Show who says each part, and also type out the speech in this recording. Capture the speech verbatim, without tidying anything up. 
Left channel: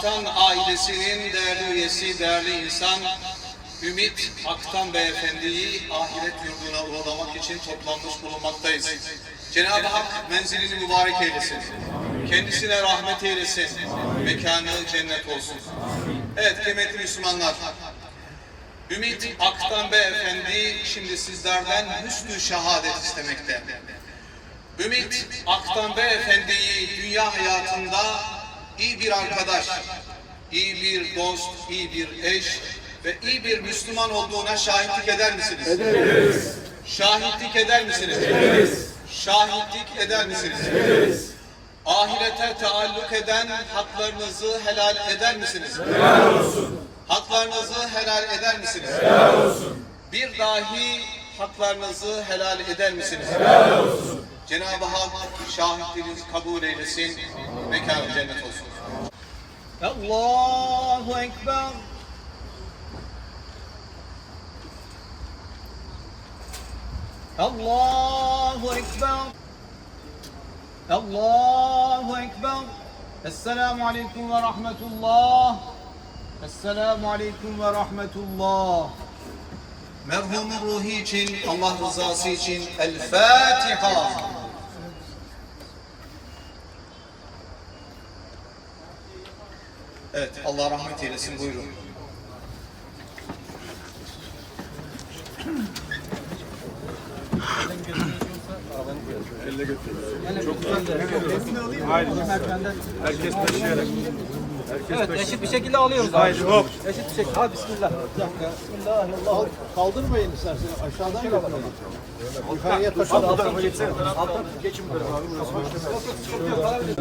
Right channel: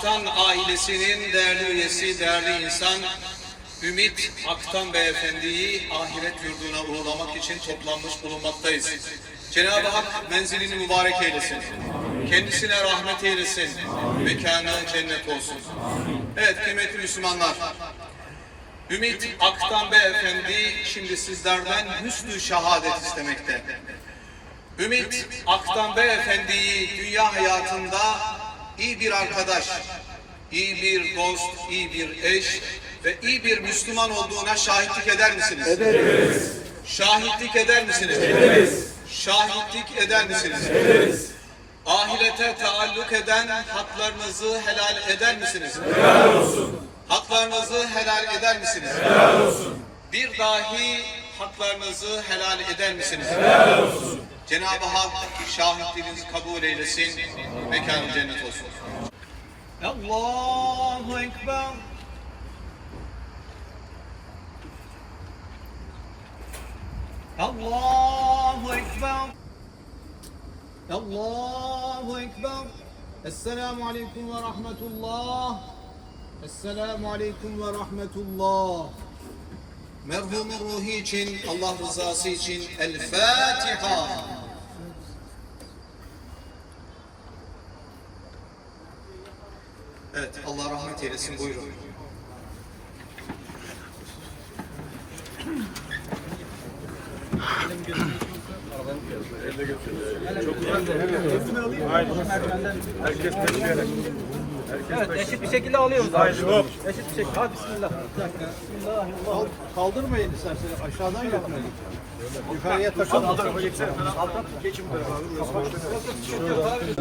Speaker 1: Aktan ailesinin değerli üyesi, değerli insan Ümit Aktan Beyefendi'yi ahiret yurduna uğurlamak için toplanmış bulunmaktayız. Cenab-ı Hak menzilini mübarek eylesin. Kendisine rahmet eylesin. Mekanı cennet olsun. Evet kıymetli Müslümanlar. Ümit Aktan Beyefendi şimdi sizlerden hüsnü şehadet istemekte. Ümit Aktan Beyefendi'yi dünya hayatında iyi bir arkadaş, iyi bir dost, iyi bir eş ve iyi bir Müslüman olduğuna şahitlik eder misiniz?
Speaker 2: Ederiz.
Speaker 1: Şahitlik eder misiniz?
Speaker 2: Ederiz.
Speaker 1: Şahitlik eder misiniz?
Speaker 2: Ederiz.
Speaker 1: Ahirete taalluk eden haklarınızı helal eder misiniz?
Speaker 2: Helal olsun.
Speaker 1: Haklarınızı helal eder misiniz?
Speaker 2: Helal olsun.
Speaker 1: Bir dahi haklarınızı helal eder misiniz?
Speaker 2: Helal olsun.
Speaker 1: Cenab-ı Hak şahitliğinizi kabul eylesin, mekanı cennet olsun. Allahu Ekber. Allahu Ekber. Allahu Ekber. Esselamu Aleyküm ve Rahmetullah. Esselamu Aleyküm ve Rahmetullah. Merhumun ruhu için, Allah rızası için El Fatiha. Evet, Allah rahmet eylesin. Buyurun.
Speaker 3: Herkes peşiyle. Evet, eşit bir şekilde alıyoruz. Haydi hop. Eşit bir şekilde. Hadi bismillah.
Speaker 4: Kal- Kaldırmayın isterseniz aşağıdan götürelim. Yukarıya taşın.
Speaker 3: Geçin böyle abi.